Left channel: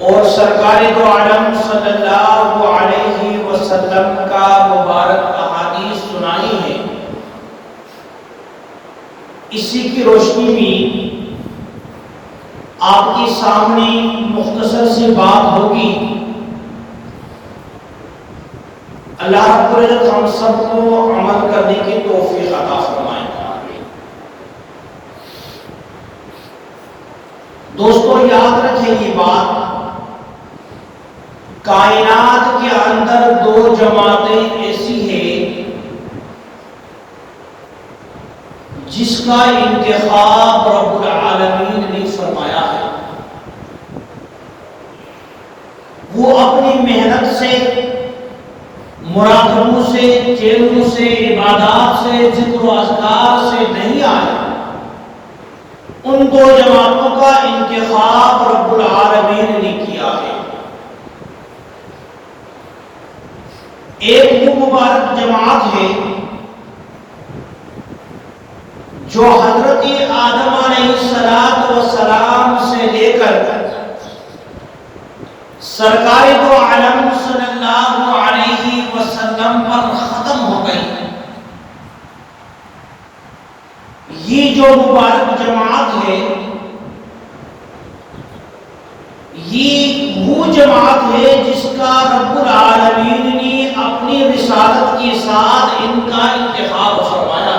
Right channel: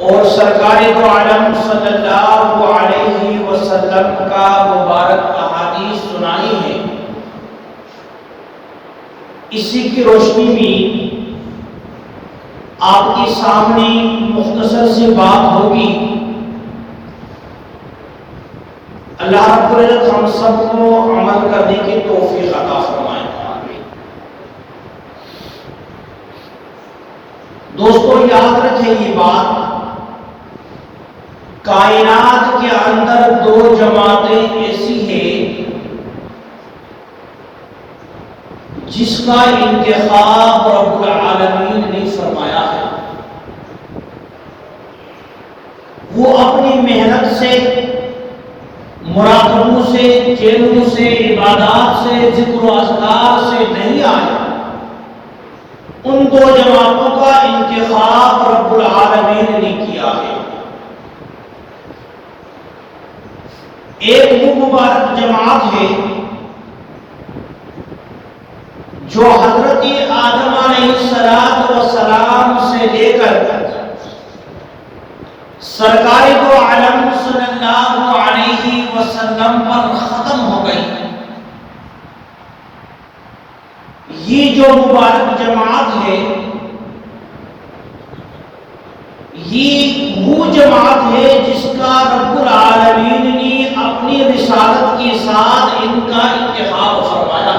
اور سرکار دو عالم صلی اللہ علیہ وسلم کا مبارک احادیث سنائی ہے، اسی کی روشنی میں آپ کے سامنے مختصر سی بات ہوگی۔ اللہ رب العزت ہم سب کو عمل کرنے کی توفیق عطا فرمائے۔ دوستو یاد رکھیں یہ بات، کائنات کے اندر دو جماعتیں ایسی ہیں جس کا انتخاب رب العالمین نے فرمایا ہے۔ وہ اپنی محنت سے، مراقبوں سے، چیلوں سے، عبادات سے، ذکر و اذکار سے نہیں آئے۔ ان دو جماعتوں کا انتخاب رب العالمین نے کیا ہے۔ ایک وہ مبارک جماعت ہے جو حضرت آدم علیہ السلام سے لے کر سرکار دو عالم صلی اللہ علیہ وسلم پر ختم ہو گئی۔ یہ جو مبارک جماعت ہے، یہ وہ جماعت ہے جس کا رب العالمین نے اپنی رسالت کے ساتھ ان کا انتخاب فرمایا۔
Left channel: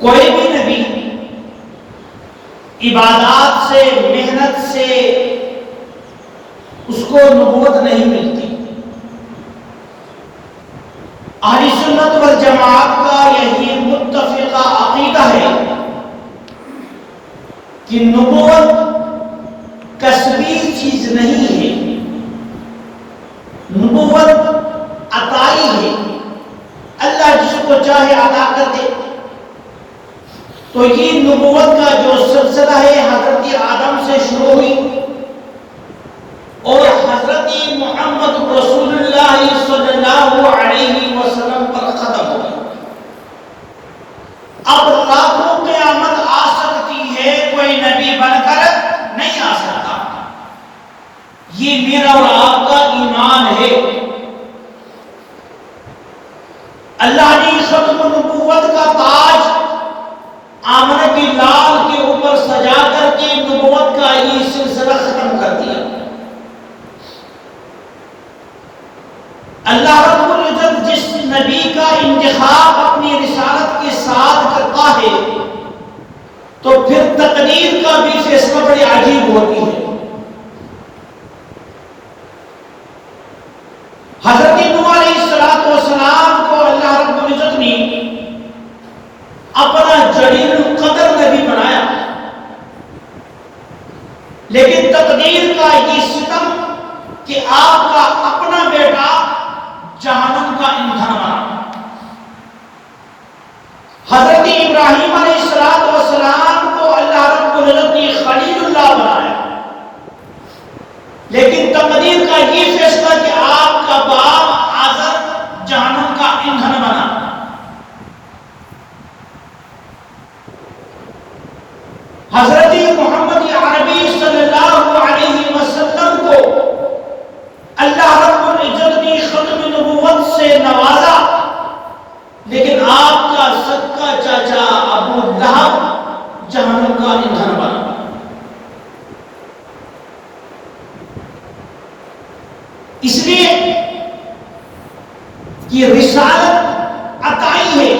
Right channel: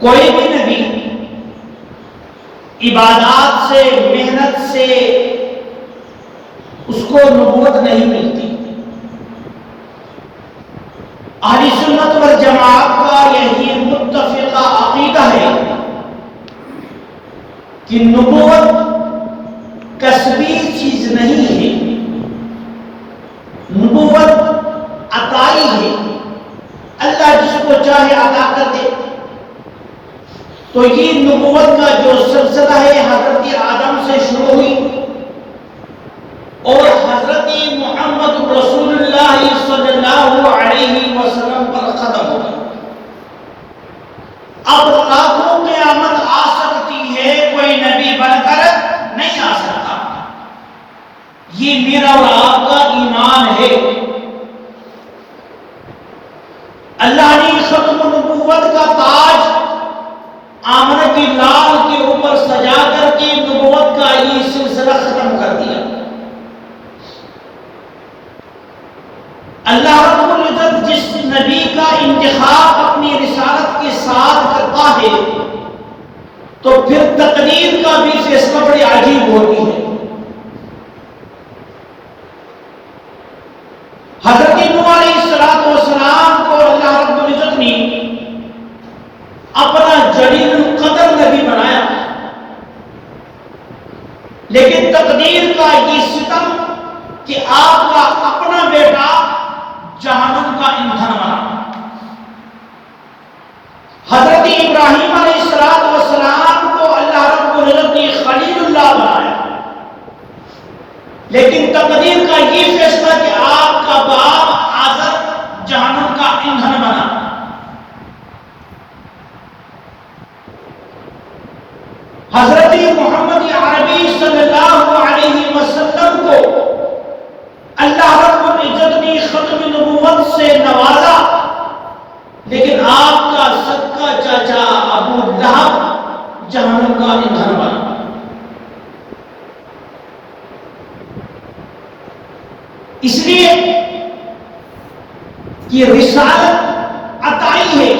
کوئی بھی نبی عبادات سے، محنت سے اس کو نبوت نہیں ملتی۔ اہل سنت والجماعت کا یہی متفقہ عقیدہ ہے کہ نبوت کسبی چیز نہیں ہے، نبوت عطائی ہے۔ اللہ جس کو چاہے عطا کر دے۔ تو یہ نبوت کا جو سلسلہ ہے حضرت آدم سے شروع ہوئی اور حضرت محمد رسول اللہ صلی اللہ علیہ وسلم پر ختم ہو گئی۔ اب لاکھوں قیامت آ سکتی ہے، کوئی نبی بن کر نہیں آ سکتا۔ یہ میرا اور آپ کا ایمان ہے۔ اللہ نے ختم نبوت کا تاج آمنہ کی لال کے اوپر سجا کر کے نبوت کا یہ سلسلہ ختم کر دیا۔ اللہ رب العزت جس نبی کا انتخاب اپنی رسالت کے ساتھ کرتا ہے تو پھر تقدیر کا بھی فیصلہ بڑی عجیب ہوتی ہے۔ حضرت نوح علیہ السلام کو اللہ رب العزت نے اپنا جلیل القدر نبی بنایا، لیکن تقدیر کا یہ ستم کہ آپ کا اپنا بیٹا جہنم کا ایندھن بنا۔ حضرت ابراہیم علیہ السلام کو اللہ رب العزت نے خلیل اللہ بنایا، لیکن تقدیر کا یہ فیصلہ کہ آپ کا باپ آزر جہنم کا ایندھن بنا۔ حضرت محمد عربی صلی اللہ علیہ وسلم کو اللہ رب العزت نے ختم نبوت سے نوازا، لیکن آپ کا سکا چاچا ابو لہب جہنم کا ایندھن بنا۔ اس لیے یہ رسالت عطائی ہے،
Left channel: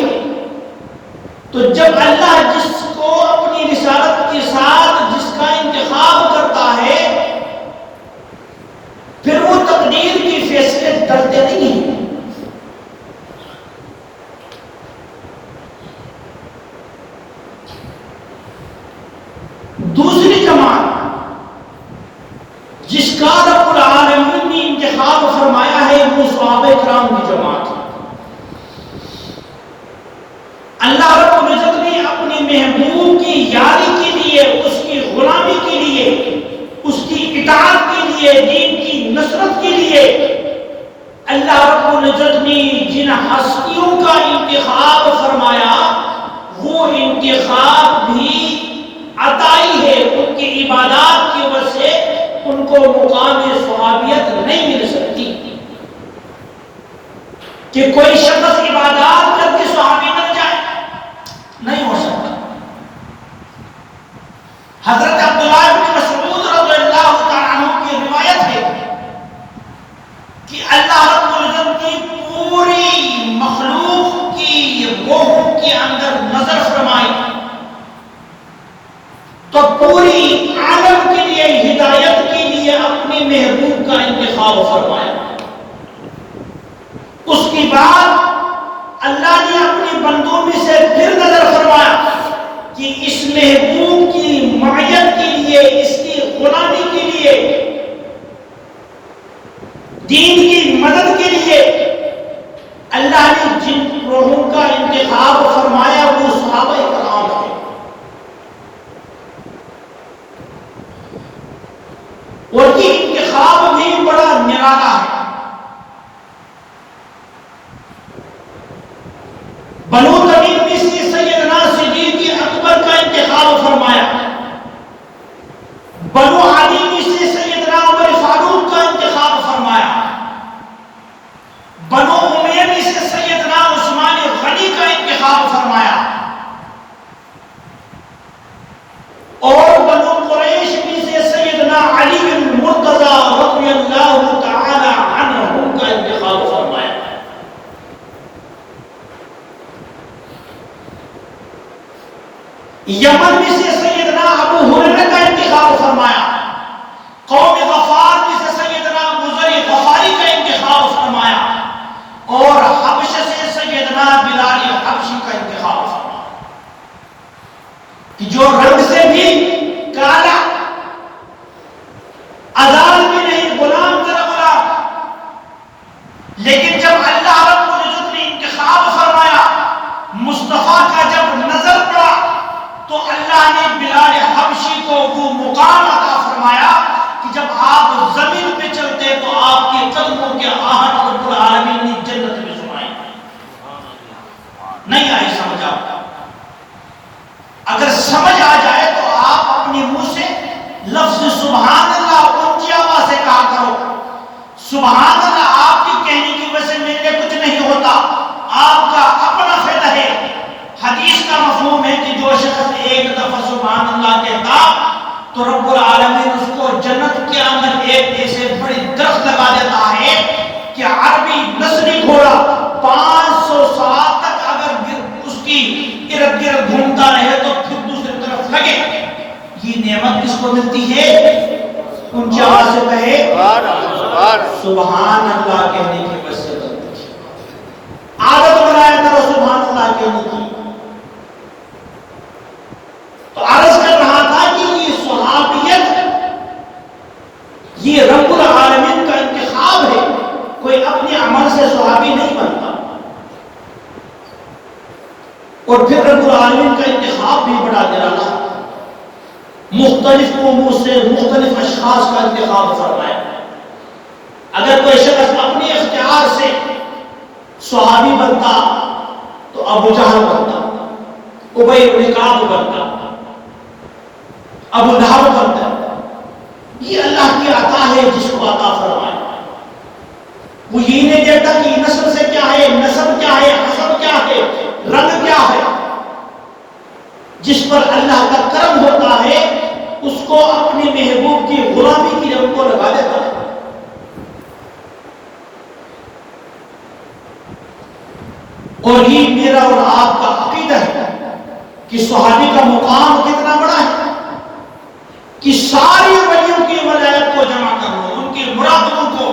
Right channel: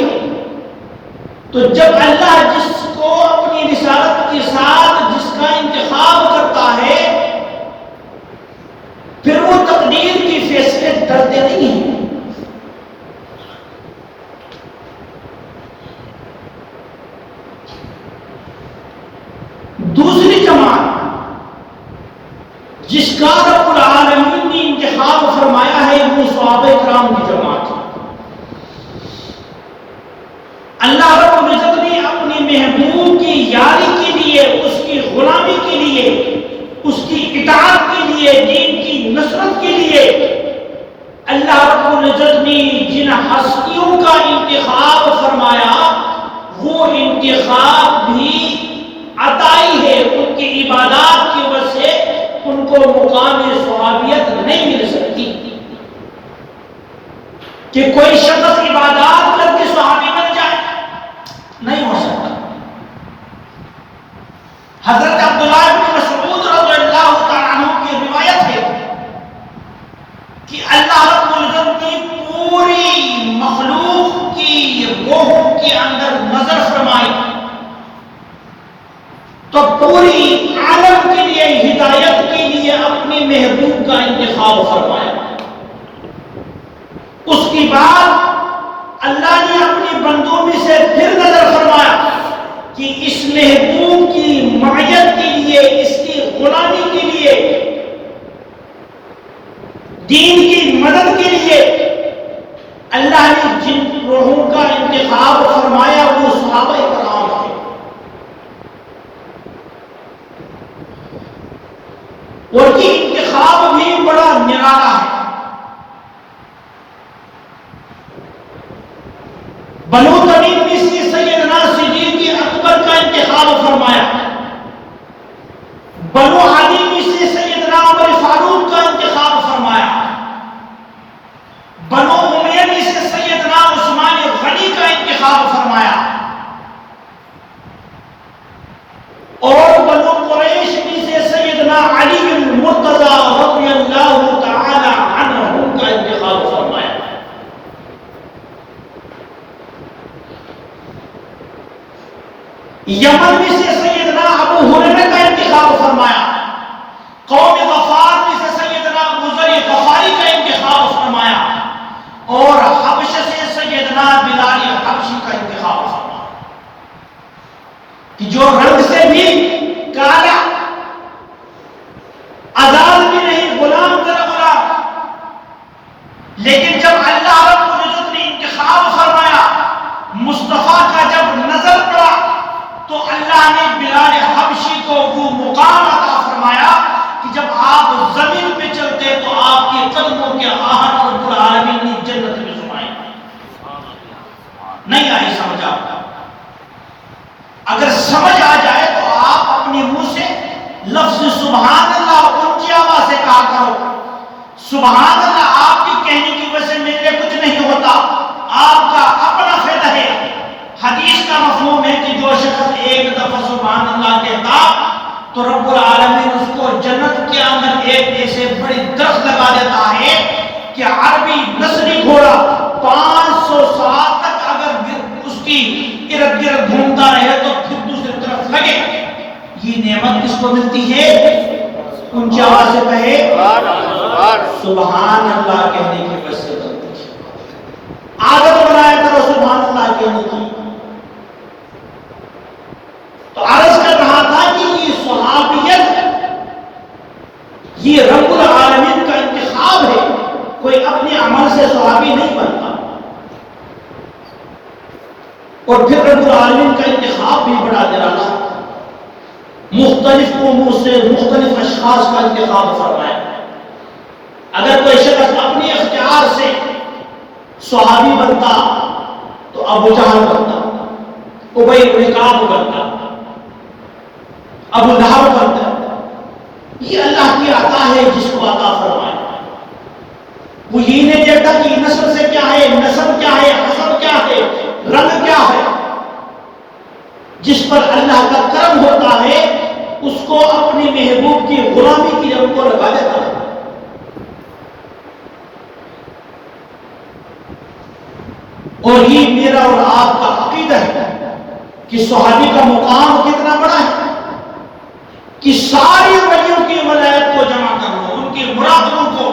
تو جب اللہ جس کو اپنی رسالت کے ساتھ جس کا انتخاب کرتا ہے پھر وہ تقدیر کے فیصلے ڈرتے نہیں ہیں۔ دوسری جماعت جس کا رب العالمین نے انتخاب فرمایا ہے وہ صحابہ کرام کی جماعت ہے۔ اللہ رب العزت نے اپنے محبوب کی یاری کے لیے، اس کی غلامی کے لیے، اس کی اطاعت کے لیے، دین کی نصرت کے لیے اللہ رب العزت نے جن ہستیوں کا انتخاب فرمایا وہ انتخاب بھی کہ کوئی شخص عبادات کر کے صحابی بن جائے، نہیں ہو سکتا۔ حضرت عبداللہ بن مسعود رضی اللہ تعالیٰ عنہ کی روایت ہے کہ اللہ رب العزت کی پوری مخلوق کی روح کے اندر نظر فرمائی تو پوری عالم کے لیے ہدایت کے لیے اپنے محبوب کا انتخاب فرمایا۔ اس کے بعد اللہ نے اپنے بندوں میں سے پھر نظر فرمایا کہ اس محبوب کی معیت کے لیے، اس کی غلامی کے لیے، دین کی مدد کے لیے اللہ نے جن روحوں کا انتخاب فرمایا وہ صحابہ کرام تھے۔ ان کی انتخاب بھی بڑا نرالا ہے۔ بنو تمیم میں سے سیدنا صدیق اکبر کا انتخاب فرمایا، بنو عدی میں سے سیدنا عمر فاروق کا انتخاب فرمایا، بنو امیہ میں سے سیدنا عثمان غنی کا انتخاب فرمایا، اور بنو قریش میں سے سیدنا علی بن مرتضی رضی اللہ تعالی عنہ کا انتخاب فرمایا۔ یمن میں سے سیدنا ابو ہریرہ کا انتخاب فرمایا، قوم غفار میں سے سیدنا ابو ذر غفاری کا انتخاب فرمایا، اور حبشہ سے سیدنا بلال حبشی کا انتخاب فرمایا کہ جو رنگ سے بھی کالا، آزاد بھی نہیں، غلام در غلام، لیکن جب اللہ رب العزت نے انتخاب فرمایا، مصطفیٰ کا جب نظر پڑا تو اللہ نے بلال حبشی کو وہ مقام عطا فرمایا کہ جب آپ زمین پہ چلتے تو آپ کے قدموں کے آہن رب العالمین نے جنت میں سمائی۔ نہیں آئی سمجھ آپ؟ اگر سمجھ آ جائے تو آپ اپنے منہ سے لفظ سبحان اللہ اونچی آواز سے کہا کرو۔ سبحان اللہ آپ کی کہنے کی وجہ سے میرے کچھ نہیں ہوتا، آپ کا اپنا فائدہ ہے۔ حدیث کا مفہوم ہے کہ جو شخص ایک دفعہ سبحان اللہ کہتا تو رب العالمین اس کو جنت کے اندر ایک ایسے بڑی درخت لگا دیتا ہے کہ عربی نسلی گھوڑا 500 سال تک اگر اس کی ارد گرد گھومتا رہے تو پھر دوسری طرف لگے۔ یہ نعمت کس کو ملتی ہے؟ اونچی آواز سے کہے سبحان اللہ کہنے کی وجہ سے ملتی ہے۔ عادت بنایا کرو سبحان اللہ کہنے کی۔ تو عرض کر رہا تھا کہ یہ صحابیت یہ رب العالمین کا انتخاب ہے، کوئی اپنے عمل سے صحابی نہیں بنتا۔ اور پھر رب العالمین کا انتخاب بھی بڑا نرالا ہے، مختلف قوموں سے مختلف اشخاص کا انتخاب فرمایا۔ اگر کوئی شخص اپنے اختیار سے صحابی بنتا تو ابو جہل بنتا، ابی بن کعب بنتا، ابو لہب بنتا۔ یہ اللہ کی عطا ہے جس کو عطا فرمایا۔ وہ یہ نہیں دیکھتا کہ نسل سے کیا ہے، نسب کیا ہے، حسب کیا ہے، رنگ کیا ہے۔ جس پر اللہ کا کرم ہوتا ہے اس کو اپنے محبوب کی غلامی کی جگہ کو لگا دیتا ہے۔ اور یہ میرا اور آپ کا عقیدہ ہے کہ صحابی کا مقام کتنا بڑا ہے کہ ساری نبیوں کی ولایت کو جمع کر لو، ان کی مرادوں کو،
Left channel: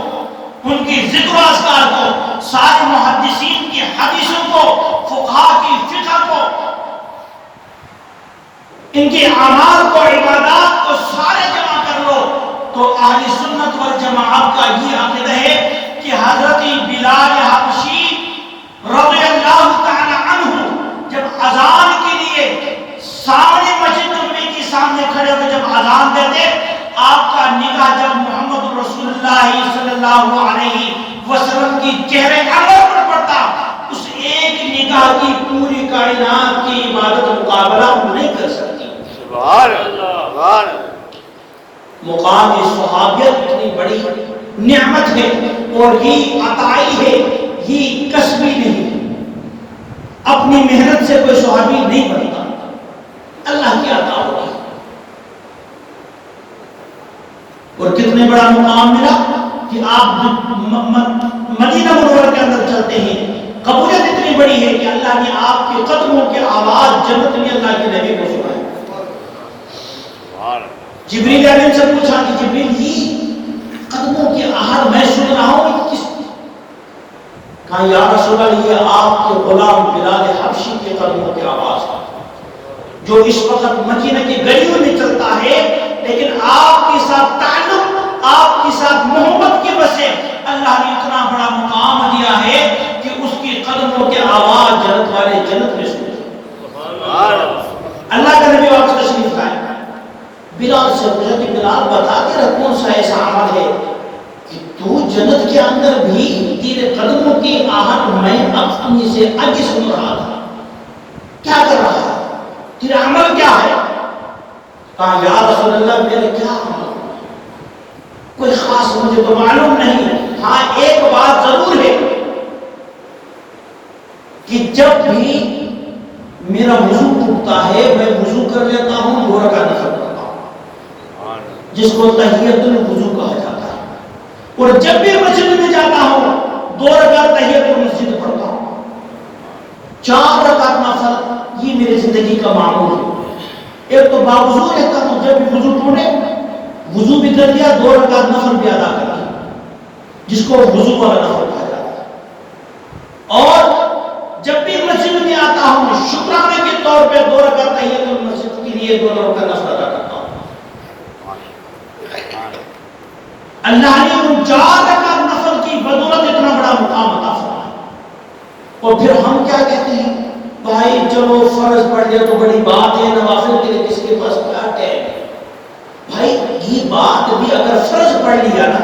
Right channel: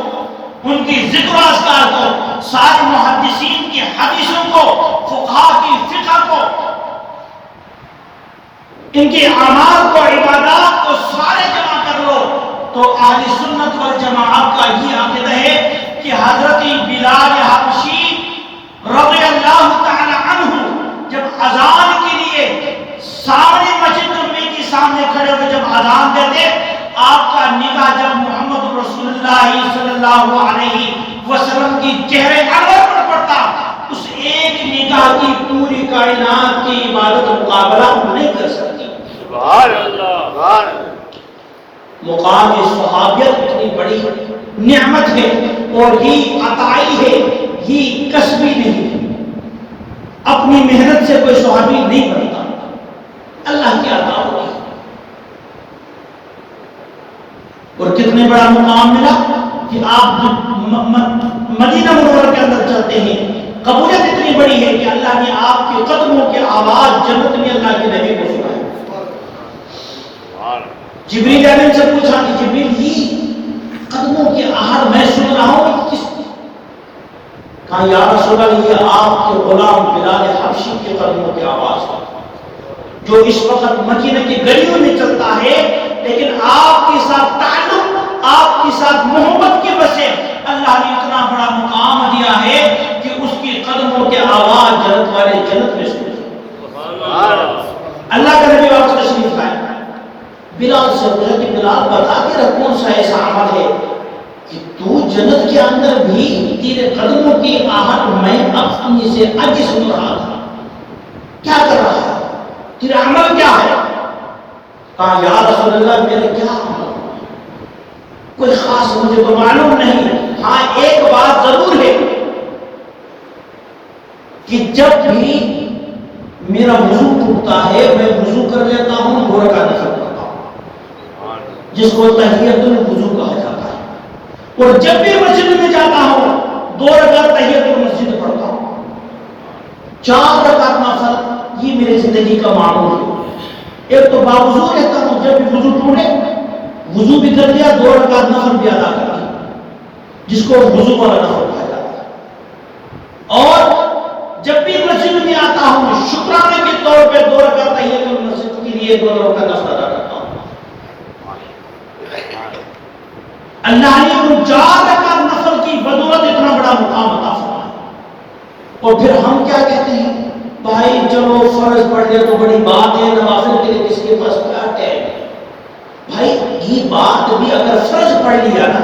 ان کی ذکر و اذکار کو، سارے محدثین کی حدیثوں کو، فقہاء کی فقہ کو، ان کے اعمال کو، عبادات کو سارے جمع کر لو تو اہل سنت والجماعت کا یہ عقیدہ ہے کہ حضرت بلال حبشی رضی اللہ تعالی عنہ جب اذان کے لیے سامنے مسجد نبوی کے سامنے کھڑے ہوئے جب اذان دیتے، آپ کا نگاہ جب محمد رسول اللہ صلی اللہ علیہ وسلم کی چہرے انور پر پڑتا، اس ایک نگاہ کی پوری کائنات کی عبادت مقابلہ نہیں کر سکتی۔ سبحان اللہ۔ مقام صحابیت اتنی بڑی نعمت ہے اور یہ عطائی ہے، یہ کسبی نہیں، اپنی محنت سے کوئی صحابی نہیں بنتا، اللہ کی عطا ہوتی ہے۔ اور کتنے بڑا مقام ملا کہ آپ مدینہ منورہ کے اندر چلتے ہیں، قبولیت اتنی بڑی ہے کہ اللہ نے آپ کے قدموں کے آواز جنت میں اللہ کے نبی کو سنایا۔ جبریل امین سے پوچھا کہ جبریل یہ قدموں کی آہٹ میں سن رہا ہوں کس کی؟ کہا یا رسول اللہ یہ آپ کے غلام بلال حبشی کے قدموں کی آواز ہے، جو اس وقت مدینہ کی گلیوں میں چلتا ہے، لیکن آپ کے ساتھ تعلق، آپ کے ساتھ محبت کی وجہ سے اللہ نے اتنا بڑا مقام دیا ہے کہ اس کی قدموں کے آواز جنت والے جنت میں سنتے ہیں۔ اللہ کا نبی واپس تشریف لائے، بلال سے پوچھا کہ بلال بتا تیرا کون سا ایسا عمل ہے کہ تو جنت کے اندر بھی تیرے قدموں کی آہٹ میں اپنی سے آگے سن رہا تھا، کیا کر رہا ہے، تیرا عمل کیا ہے؟ کہا یا رسول اللہ میرے کیا عمل، کوئی خاص مجھے تو معلوم نہیں، ہاں ایک بات ضرور ہے کہ جب بھی میرا وضو ٹوٹتا ہے میں وضو کر لیتا ہوں، 2 رکعت نفل پڑھتا ہوں جس کو تحیۃ الوضو کہا جاتا ہے، اور جب بھی مسجد میں جاتا ہوں 2 رکعت تحیۃ المسجد پڑھتا ہوں، 4 رکعت نفل، یہ میری زندگی کا معمول ہے۔ ایک تو باوضو رہتا ہوں، جب بھی وضو ٹوٹے وضو بھی کر لیا، 2 رکعت نفل بھی ادا کر لیا جس کو وضو والا نفل کہا جاتا ہے، اور جب بھی مسجد میں آتا ہوں شکرانے کے طور پہ 2 رکعت تحیۃ المسجد کے لیے 2 رکعت نفل ادا کرتا ہوں۔ اللہ نے ان 4 رکعت نفل کی بدولت اتنا بڑا مقام عطا فرمایا، اور پھر ہم کیا کہتے ہیں بھائی چلو فرض پڑھ لیا تو بڑی بات ہے، نوافل کے لیے کس کے پاس کیا ہے؟ بھائی یہ بات بھی اگر فرض پڑھ لیا نا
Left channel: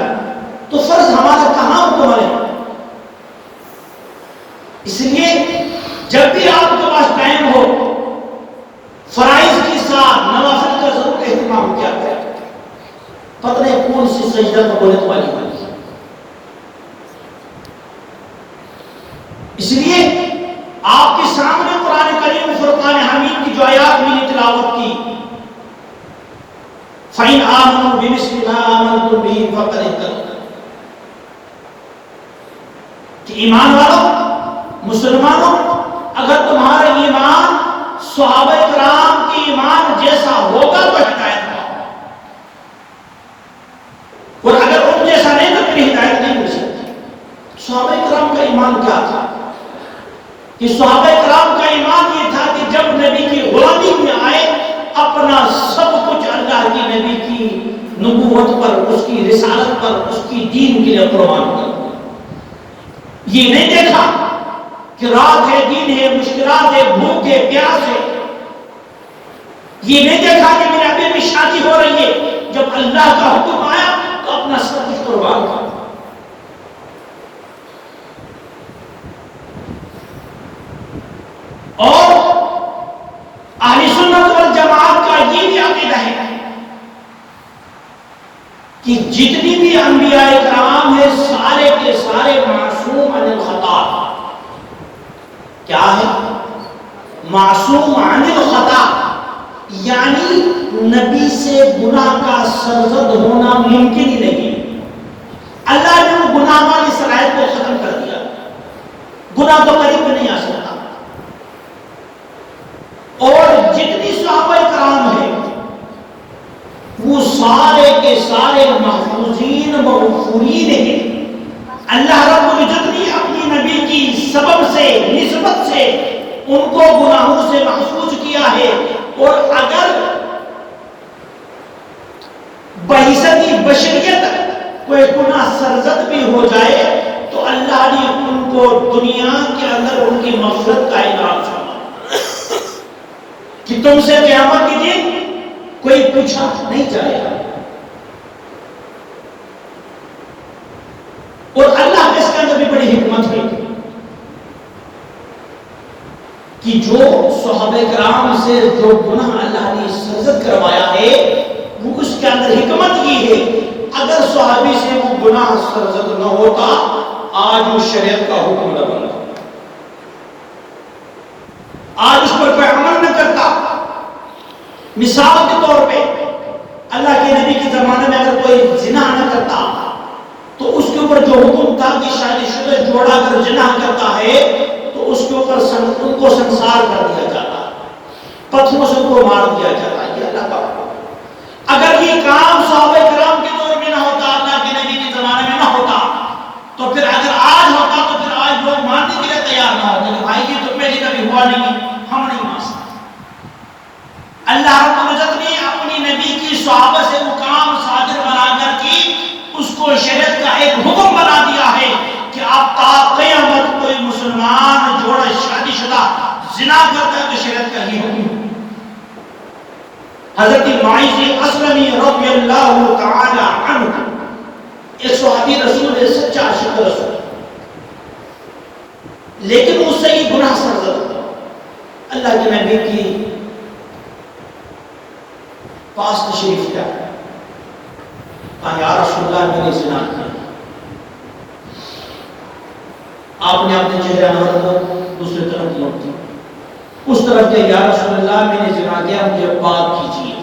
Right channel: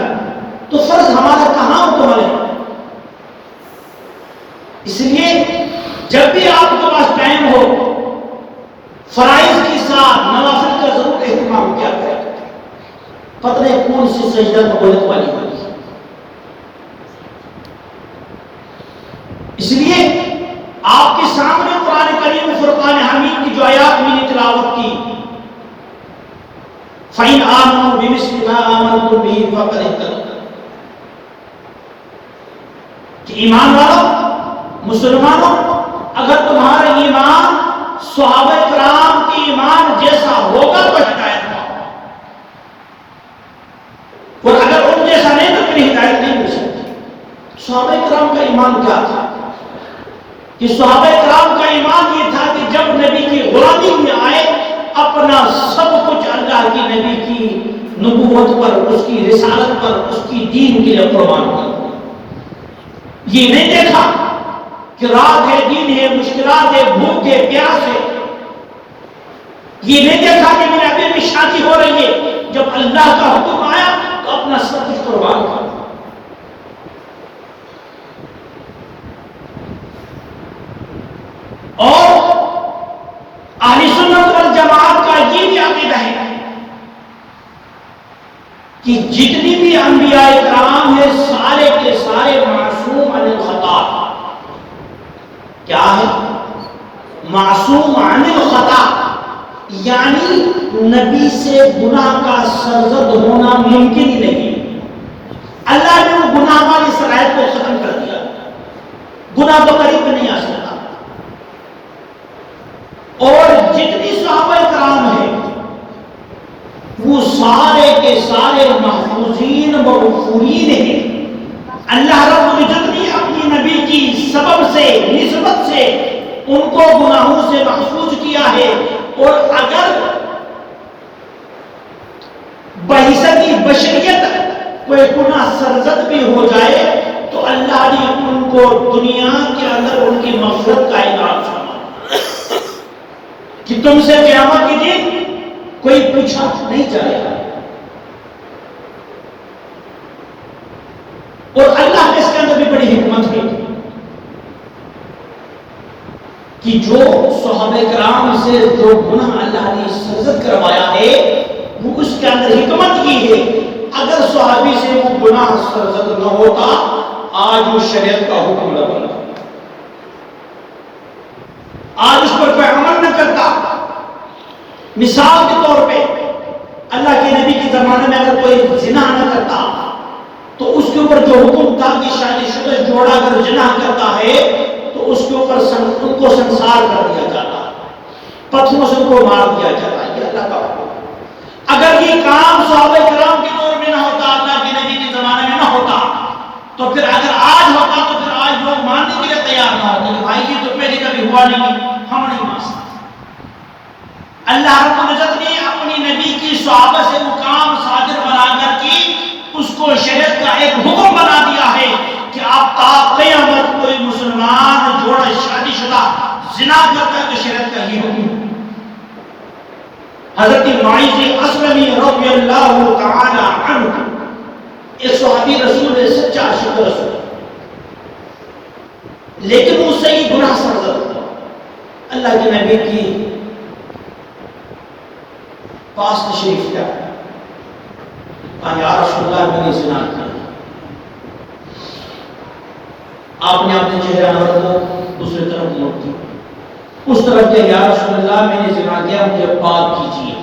تو فرض ہمارا کہاں مکمل ہے؟ اس لیے جب بھی آپ کے پاس ٹائم ہو فرائض کے ساتھ نوافل کا ضرور اہتمام کیا کریں، پتہ نہیں کون سی سجدہ قبولیت والی ہوگی۔ اس لیے آپ کے سامنے قرآن کریم فرقان حمید کی جو آیات میں نے تلاوت کی، فَإِنْ آمَنُوا بِمِثْلِ مَا آمَنْتُمْ بِهِ فَقَدِ اهْتَدَوْا، کہ ایمان والوں، مسلمانوں، اگر تمہارا ایمان صحابہ کرام کے ایمان جیسا ہوگا تو ہدایت پاؤ، اور اگر ان جیسا نہیں تو تمہیں ہدایت نہیں مل سکتی۔ صحابہ کرام کا ایمان کیا تھا کہ صحابہ کرام کا ایمان یہ تھا کہ جب نبی کی غلامی میں آئے اپنا سب کچھ اللہ کی نبی کی نبوت پر، اس کی رسالت پر، اس کی دین کے لیے قربان کر، یہ نہیں دیکھا کہ رات ہے دن ہے مشکلات ہے بھوک ہے پیاس ہے، یہ نہیں دیکھا کہ میرے ابھی میں شادی ہو رہی ہے، جب اللہ کا حکم آیا تو اپنا سب کچھ قربان کر۔ اور اہل سنت والجماعت کا یہ بھی عقیدہ ہے کہ جتنی بھی انبیاء کرام ہیں سارے کے سارے معصوم عن الخطا، کیا ہے معصوم عن الخطا، یعنی نبی سے گناہ کا سرزد ہونا ممکن ہی نہیں۔ اللہ نے وہ گناہ والی صلاحیت کو ختم کر دیا، گناہ تو قریب نہیں آ سکتا۔ اور جتنی صحابہ کرام ہیں وہ سارے کے سارے محفوظین مغفورین ہیں۔ اللہ رب العزت نے اپنی نبی کی سبب سے نسبت سے ان کو گناہوں سے محفوظ کیا ہے، اور اگر بحیثیت بشریت کوئی گناہ سرزد بھی ہو جائے تو اللہ نے ان کو دنیا کے اندر ان کی مغفرت کا اعلان سنا کہ تم سے قیامت کے دن کوئی پوچھا نہیں جائے گا۔ اور اللہ کے اس کے اندر بھی بڑی حکمت ہے کہ جو صحابہ کرام سے جو گناہ اللہ نے سرزد کروایا ہے وہ اس کے اندر حکمت یہ ہے، اگر صحابی سے وہ گناہ سرزد نہ ہوتا آج اس شریعت کا حکم نہ بنتا، آج اس پر کوئی عمل نہ کرتا۔ مثال کے طور پہ اللہ کے نبی کے زمانے میں اگر کوئی زنا نہ کرتا تو اس کے اوپر جو حکم تھا کہ شادی شدہ جوڑا اگر زنا کرتا ہے تو اس کے اوپر ان کو سنسار کر دیا جاتا، پتھروں سے ان کو مار دیا جاتا۔ یہ اللہ کا حکم۔ اگر یہ کام صحابہ کرام کے دور میں نہ ہوتا، اللہ کے نبی کے زمانے میں نہ ہوتا، تو پھر اگر آج ہوتا تو پھر آج لوگ ماننے کے لیے تیار نہ ہوتے کہ بھائی یہ تو پہلے کبھی ہوا نہیں، ہم نہیں مان سکتے۔ اللہ رب العزت نے اپنی نبی کی صحابہ سے وہ کام صادر بنا کر کی اس کو شریعت کا ایک حکم بنا دیا ہے کہ اب تا قیامت کوئی مسلمان جوڑا شادی شدہ زنا کرتا ہے تو شریعت کا ہی حکم۔ حضرت معیذ اسلمی رضی اللہ تعالی عنہ ایک صحابی رسول ہے، سچا عاشق رسول، لیکن اس سے یہ گناہ سرزد اللہ کے نبی کی پاس تشریف لیا، کہا یا رسول اللہ میں نے زنا کیا۔ آپ نے اپنے چہرے انور کو دوسرے طرف موڑ دی، اس طرف کہ یا رسول اللہ میں نے زنا کیا، مجھے پاک کیجیے،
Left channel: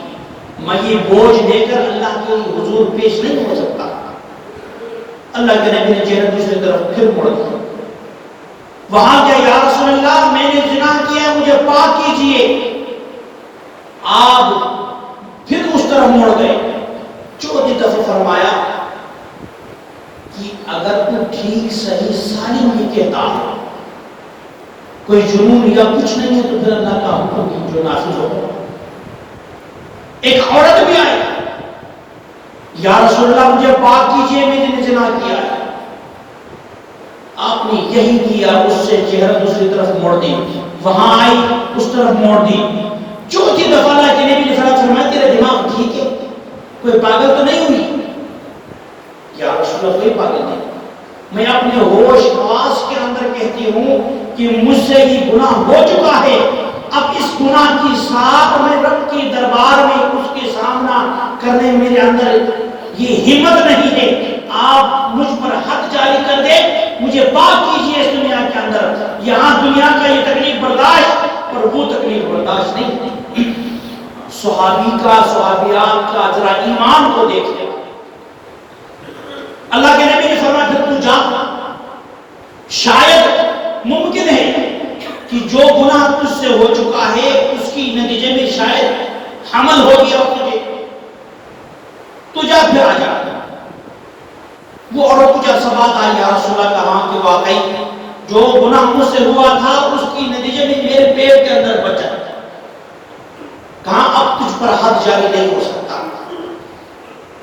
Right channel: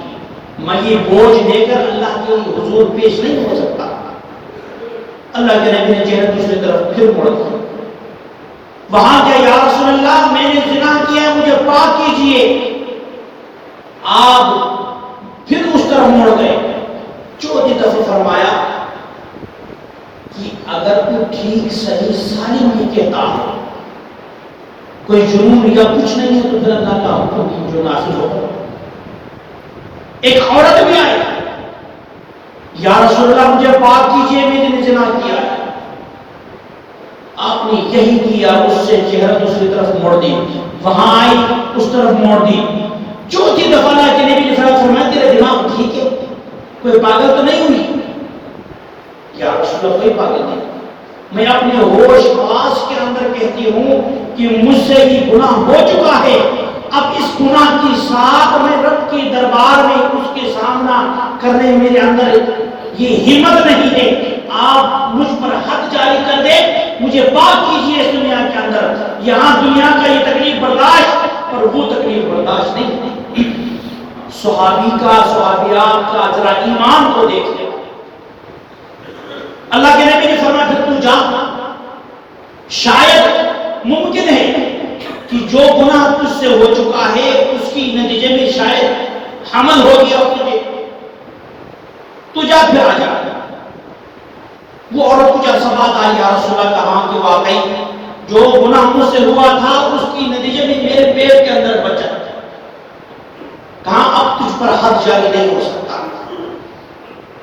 میں یہ بوجھ لے کر اللہ کے حضور پیش نہیں ہو سکتا۔ اللہ کے نبی نے چہرے دوسری طرف پھر موڑ دیا، وہاں کہ یا رسول اللہ میں نے زنا کیا، مجھے پاک کیجیے۔ آپ پھر اس طرف موڑ گئے، چوتھی دفعہ فرمایا کہ اگر تو ٹھیک صحیح سالم نہیں کہتا ہے، کوئی جنون یا کچھ نہیں ہے، تو پھر اللہ کا حکم کی جو نافذ ہوگا۔ ایک عورت بھی آئی، یا رسول اللہ مجھے پاک کیجئے، میں نے زنا کیا ہے۔ آپ نے یہی کیا، اس سے چہرہ دوسری طرف موڑ دی، وہاں آئی اس طرف موڑ دی۔ چوتھی دفعہ اللہ کے نبی نے فرمایا تیرے دماغ ٹھیک ہے، کوئی پاگل تو نہیں ہوئی؟ یا رسول اللہ کوئی پاگل نہیں، میں اپنے ہوش خاص کے اندر کہتی ہوں کہ مجھ سے یہ گناہ ہو چکا ہے، اب اس گناہ کی ساتھ میں رب کے دربار میں اس کے سامنا کرنے میرے اندر یہ ہمت نہیں ہے، آپ مجھ پر حد جاری کر دے، مجھے پاک کیجئے اس دنیا کے اندر۔ یہاں دنیا کا یہ تکلیف برداشت پر وہ تکلیف برداشت نہیں۔ صحابی کا، صحابیات کا ذرا ایمان کو دیکھیں۔ اللہ کے نبی نے فرمایا پھر تو جا، شاید ممکن ہے کہ جو گناہ تجھ سے ہو چکا ہے اس کی نتیجے میں شاید حمل ہو گیا ہو تجھے، تو جا پھر آ جا۔ وہ عورت کو جب سوال آئی یا رسول اللہ کہاں کہ واقعی جو گناہ مجھ سے ہوا تھا اس کی نتیجے میں میرے پیٹ کے اندر بچہ، کہاں اب تجھ پر حد جاری نہیں ہو سکتا،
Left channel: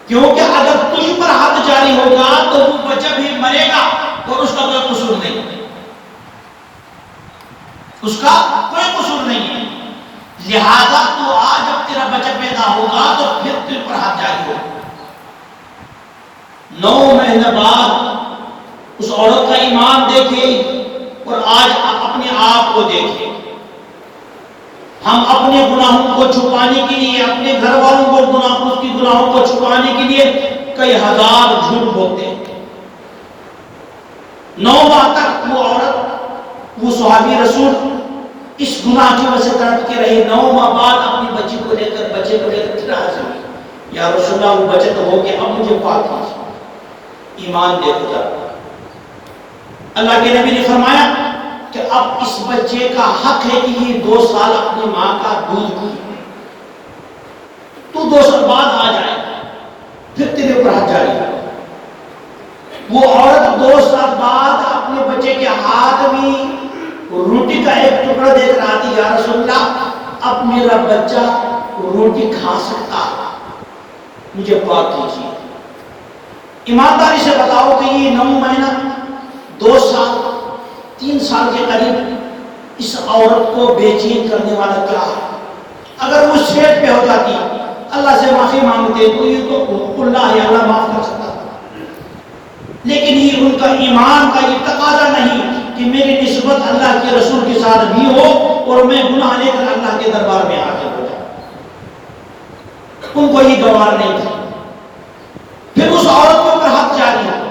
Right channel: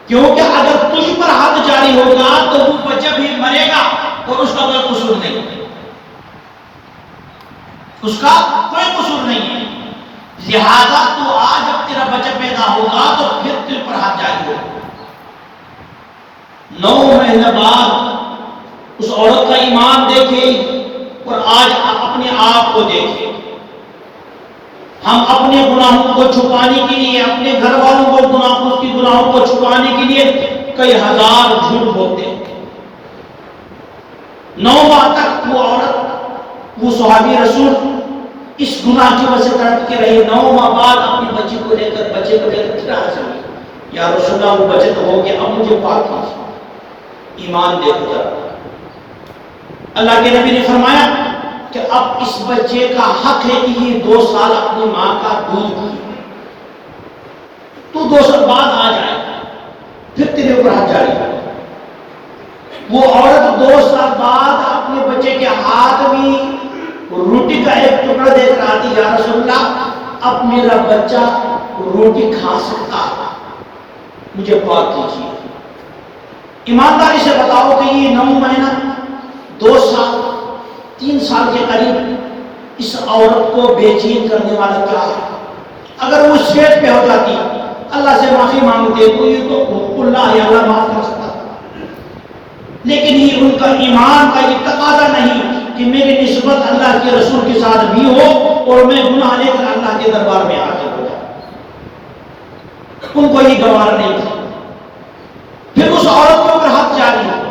کیونکہ اگر تجھ پر حد جاری ہوگا تو وہ بچہ بھی مرے گا اور اس کا کوئی قصور نہیں، اس کا کوئی قصور نہیں ہے، لہذا تو آج اب تیرا بچہ پیدا ہوگا تو پھر تجھ پر حد جاری ہوگا۔ 9 مہینے بعد اس عورت کا ایمان دیکھیں اور آج اپنے آپ کو دیکھیں۔ ہم اپنے گناہوں کو چھپانے کے لیے، اپنے گھر والوں کو اس کی گناہوں کو چھپانے کے لیے کئی ہزار جھوٹ بولتے ہیں۔ 9 ماہ تک وہ عورت، وہ صحابی رسول اس گناہ کی وجہ سے تڑپ کے رہے۔ 9 ماہ بعد اپنی بچے کو لے کر پھر حاضر ہوئی، یا رسول اللہ وہ بچہ تو ہو گیا، اب مجھے پاک کیجیے۔ ایمان دے خدا۔ اللہ کے نبی نے فرمایا کہ اب اس بچے کا حق ہے کہ یہ 2 سال اپنی ماں کا دودھ پیے، تو 2 سال بعد آ جائے پھر تیرے اوپر حد جاری ہے۔ وہ عورت 2 سال بعد اپنے بچے کے ہاتھ میں روٹی کا ایک ٹکڑا دے کر آتی، یا رسول اللہ اب میرا بچہ روٹی کھا سکتا، مجھے پاک کیجیے۔ ایمانداری سے بتاؤ کہ یہ 9 مہینہ 2 سال 3 سال کے قریب اس عورت کو بے چین کرنے والا کیا ہے؟ اگر وہ سیٹ پہ ہو جاتی، اللہ سے معافی مانگتے تو یہ تو اللہ یا اللہ معاف کر سکتا، لیکن یہ ان کا ایمان کا یہ تقاضا نہیں کہ میری نسبت اللہ کے رسول کے ساتھ بھی ہو اور میں گناہ لے کر اللہ کے دربار میں حاضر ہو جاؤں، ان کو یہ گوار نہیں تھا۔ پھر اس عورت کو اوپر حق جاری ہو،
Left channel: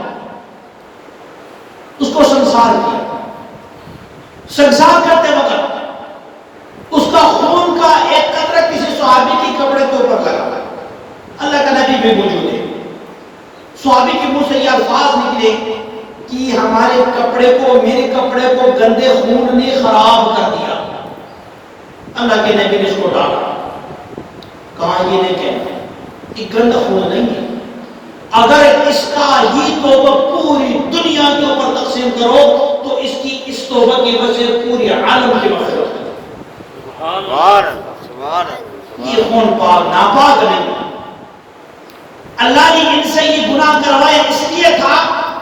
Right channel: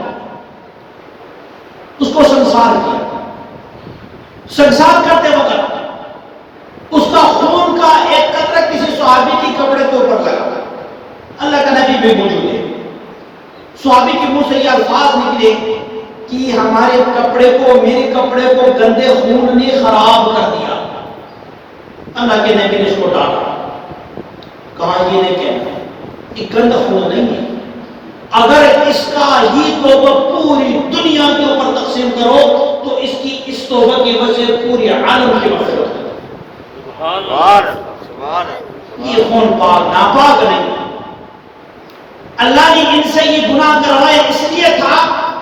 بھی موجود ہے. صحابی کے منہ سے یہ الفاظ نکلے کہ ہمارے کپڑے کو، میرے کپڑے کو گندے خون نے خراب کر دیا. اللہ کے نبی نے اس کو ڈالا، کہا یہ نہیں کہنا کہ گندا خون نہیں ہے، اگر اس کا ہی توبہ پوری دنیا کے اوپر تقسیم کرو تو اس کی اس توبہ کی وجہ سے پوری عالم کی مغفرت ہے. یہ خون پاک ناپاک نہیں. اللہ نے ان سے یہ گناہ کروایا اس لیے تھا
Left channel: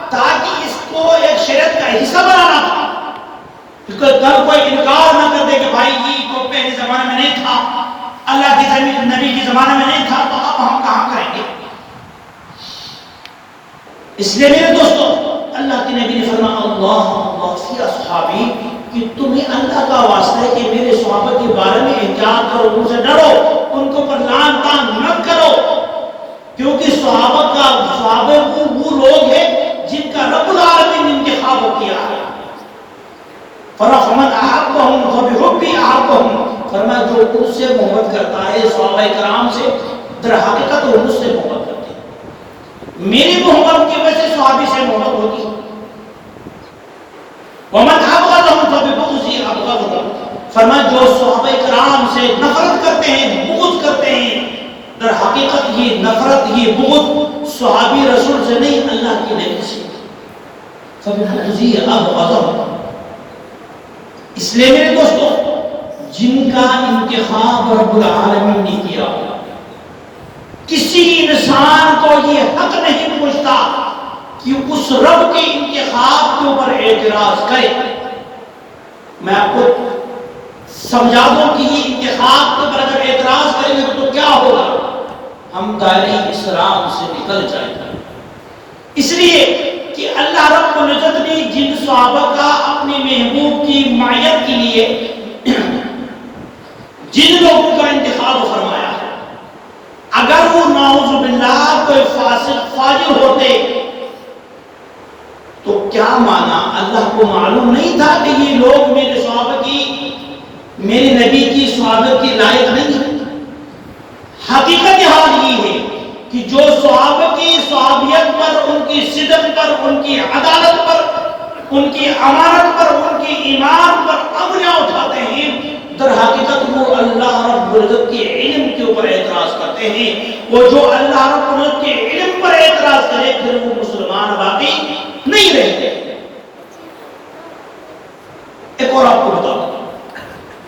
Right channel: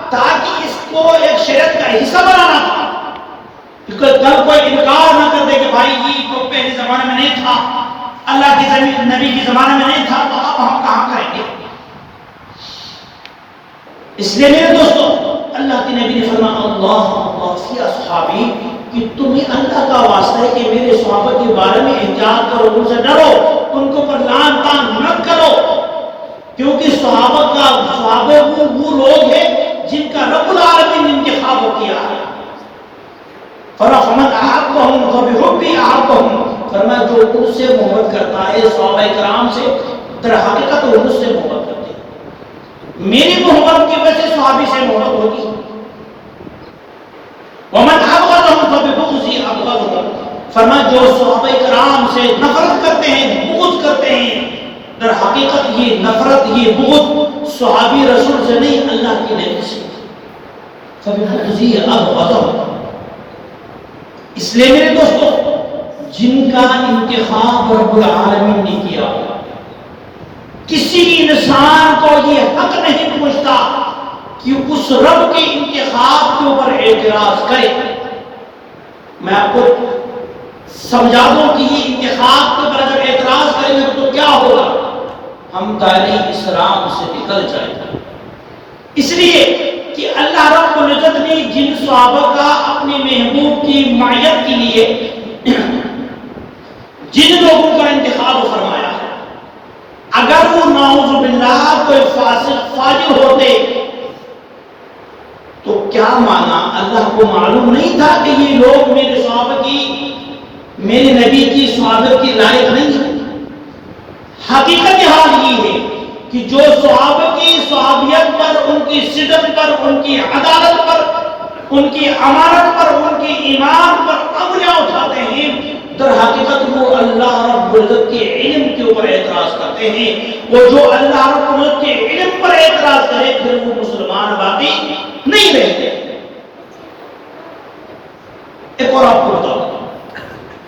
تاکہ اس کو ایک شریعت کا حصہ بنانا تھا، کیونکہ کل کوئی انکار نہ کر دے کہ بھائی یہ تو پہلے زمانے میں نہیں تھا، اللہ کے نبی کے زمانے میں نہیں تھا، تو اب ہم کہاں کریں گے. اس لیے میرے دوستو اللہ کے نبی نے فرمایا اللہ فی اصحابی کہ تمہیں اللہ کا واسطہ ہے کہ میرے صحابہ کے بارے میں احتیاط کرو، ان سے ڈرو، ان کو پر لعن طعن مت کرو، کیونکہ صحابہ وہ لوگ ہیں جن کا رب العالمین نے انتخاب کیا ہے. فرمایا احبهم فبحبی احبهم، فرمایا جو ان سے محبت کرتا ہے صحابہ کرام سے در حقیقت وہ مجھ سے محبت کرتے ہیں. میری محبت کی وجہ سے صحابی سے محبت ہوتی ہے. ومن ابغضهم فببغضی ابغضهم، فرمایا جو صحابہ کرام سے نفرت کرتے ہیں، بغض کرتے ہیں، در حقیقت یہ نفرت، یہ بغض صحابی رسول سے نہیں اللہ کی نبی سے. فببغضی ابغضهم. اس لیے میرے دوستو جن کا انتخاب رب العالمین نے کیا، کسی انسان کو یہ حق نہیں پہنچتا کہ اس رب کے انتخاب کے اوپر اعتراض کرے. میں آپ کو سمجھا دوں کہ یہ انتخاب کے اوپر اگر اعتراض کریں گے تو کیا ہوگا، ہم دائرہ اسلام سے نکل جائیں گے. اس لیے کہ اللہ رب العزت نے جن صحابہ کا اپنے محبوب کی معیت کے لیے جن لوگوں کا انتخاب فرمایا ہے، اگر وہ نعوذ باللہ کوئی فاسق فاجر ہوتے تو کیا مانا اللہ کو معلوم نہیں تھا کہ یہ لوگ میرے صحابہ کی، میرے نبی کی صحابت کی لائق نہیں ہے. حقیقت حال یہ ہے کہ جو صحابہ کی صحابیت پر، ان کی صدق پر، ان کی عدالت پر، ان کی امانت پر، ان کی ایمان پر انگلیاں اٹھاتے ہیں، در حقیقت وہ اللہ رب العزت کے علم کے اوپر اعتراض کرتے ہیں. وہ جو اللہ رب العزت کے علم پر اعتراض کرے پھر وہ مسلمان باقی نہیں رہتے. ایک اور آپ کو بتاؤں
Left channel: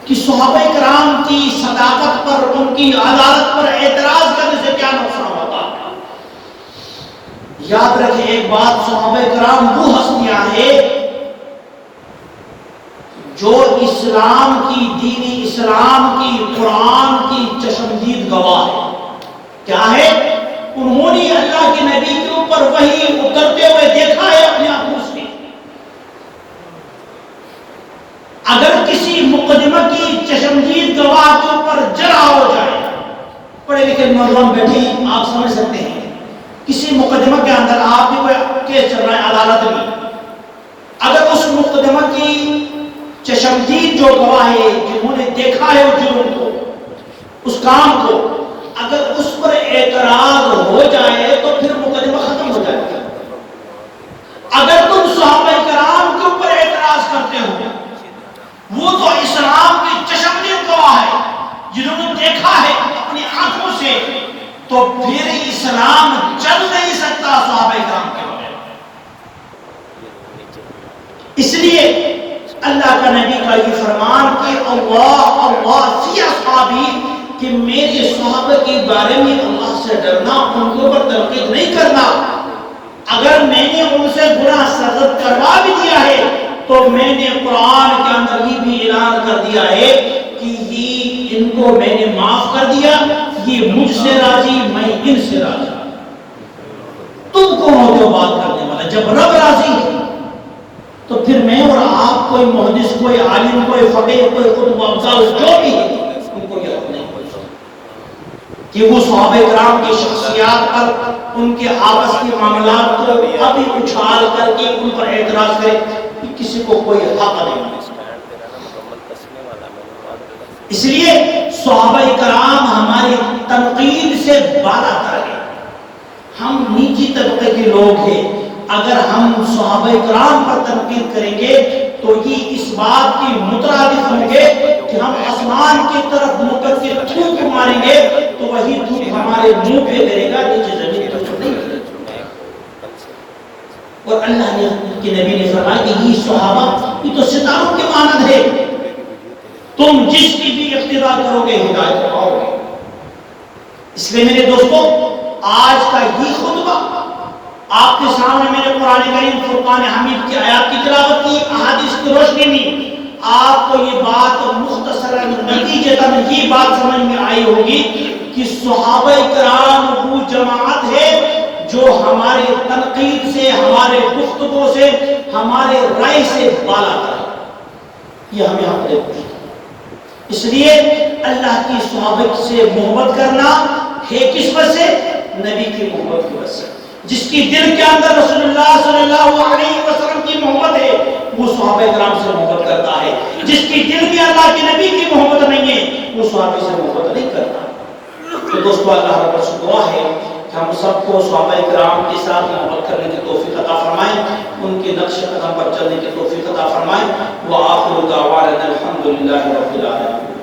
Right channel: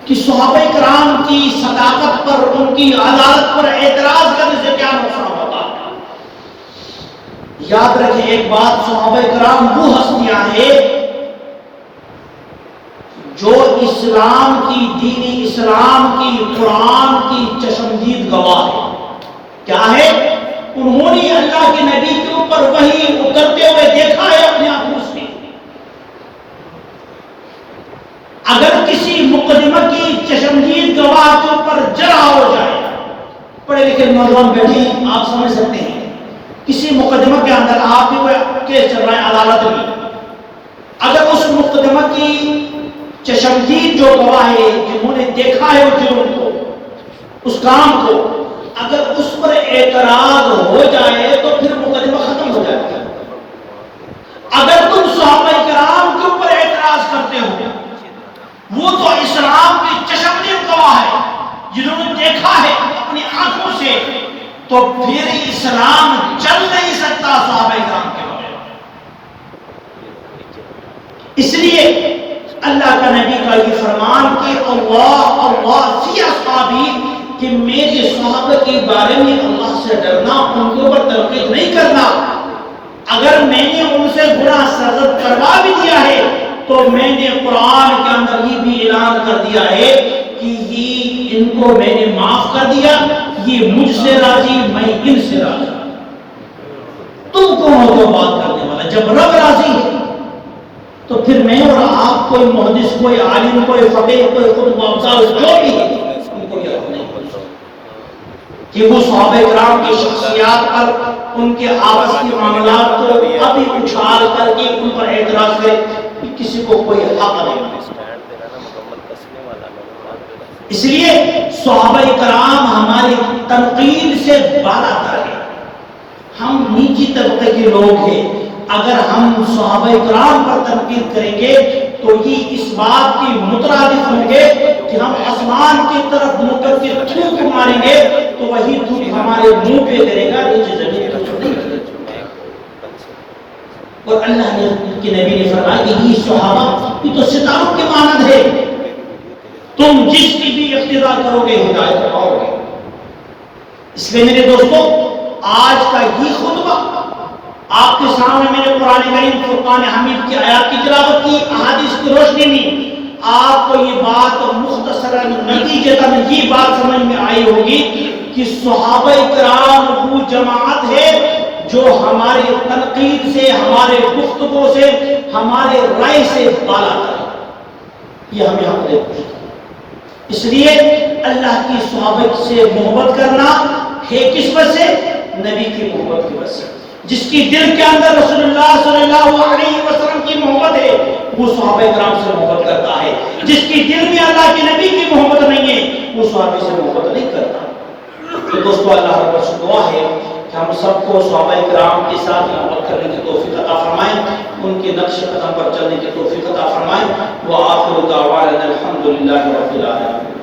کہ صحابہ کرام کی صداقت پر، ان کی عدالت پر اعتراض کرنے سے کیا نقصان ہوتا ہے. یاد رکھیں ایک بات، صحابہ کرام وہ ہستیاں ہیں جو اسلام کی، دین اسلام کی، قرآن کی چشمدید گواہ ہے. کیا ہے؟ انہوں نے اللہ کے نبی کے اوپر وحی اترتے ہوئے دیکھا ہے اپنے آنکھوں سے. اگر کسی مقدمہ کی چشمدید گواہ کے اوپر جرح ہو جائے، پڑھے لکھے نوجوان بیٹھے ہیں آپ سمجھ سکتے ہیں، کسی مقدمہ کے اندر آپ کی کوئی کیس چل رہا ہے عدالت میں، اگر اس مقدمہ کی چشمدید جو گواہ ہے جنہوں نے دیکھا ہے اس جرم کو، اس کام کو، اگر اس پر اعتراض ہو جائے تو پھر مقدمہ ختم ہو جائے گا. اگر تم صحابہ کرام کے اوپر اعتراض کرتے ہو، وہ تو اسلام کی چشمدید گواہ ہے جنہوں نے دیکھا ہے اپنی آنکھوں سے، تو پھر اسلام چل نہیں سکتا صحابہ کرام کے بارے. اس لیے اللہ کا نبی کا یہ فرمان کہ اللہ فی اصحابی، کہ میرے صحابہ کے بارے میں اللہ سے ڈرنا، ان کے اوپر تنقید نہیں کرنا. اگر میں نے ان سے گناہ سرزد کروا بھی دیا ہے تو میں نے قرآن کے اندر یہ بھی اعلان کر دیا ہے کہ یہ ان کو میں نے معاف کر دیا، یہ مجھ سے راضی، میں ان سے راضی. تم کون ہو تو بات کرنے والا؟ جب رب راضی ہے تو پھر میں اور آپ، کوئی محدث، کوئی عالم، کوئی فقیہ، کوئی قطب افضل جو بھی ہے، ان کو یہ حق نہیں کہ وہ صحابہ کرام کی شخصیات پر، ان کے آپس کے معاملات کو ابھی اچھال کر کے ان پر اعتراض کرے، کسی کو کوئی حق نہیں. اس لیے صحابہ کرام ہماری تنقید سے بالا تر ہے. ہم نیچی طبقے کے لوگ ہیں. اگر ہم صحابہ کرام پر تنقید کریں گے تو یہ اس بات کی مترادف ہوں گے کہ ہم آسمان کی طرف منہ کے تھوک ماریں گے تو وہی تھوک ہمارے منہ پہ گرے گا، نیچے زمین پر نہیں گرے گا. اور اللہ نے کے نبی نے فرمایا کہ یہ صحابہ یہ تو ستاروں کے مانند ہے، تم جس کی بھی اقتداء کرو گے ہدایت پاؤ گے. اس لیے میرے دوستو آج کا یہ خطبہ آپ کے سامنے میں نے قرآن کریم فرقان حمید کی آیات کی تلاوت کی، احادیث کی روشنی میں آپ کو یہ بات مختصراً نتیجتاً یہ بات سمجھ میں آئی ہوگی کہ صحابہ کرام وہ جماعت ہے جو ہمارے تنقید سے، ہمارے گفتگو سے، ہمارے رائے سے بالا ہے. یہ ہمیں حق دیتی ہے. اس لیے اللہ کی صحابہ سے محبت کرنا ہے کس وجہ سے؟ نبی کی محبت کی وجہ سے. جس کی دل کے اندر رسول اللہ صلی اللہ علیہ وسلم کی محبت ہے وہ صحابہ کرام سے محبت کرتا ہے. جس کی دل میں اللہ کے نبی کی محبت نہیں ہے وہ صحابہ سے محبت نہیں کرتا. تو دوستو اللہ رب سے دعا ہے کہ ہم سب کو صحابہ کرام کے ساتھ محبت کرنے کی توفیق عطا فرمائیں، ان کے نقش قدم پر چلنے کی توفیق عطا فرمائیں. وآخر دعوانا الحمدللہ رب العالمین.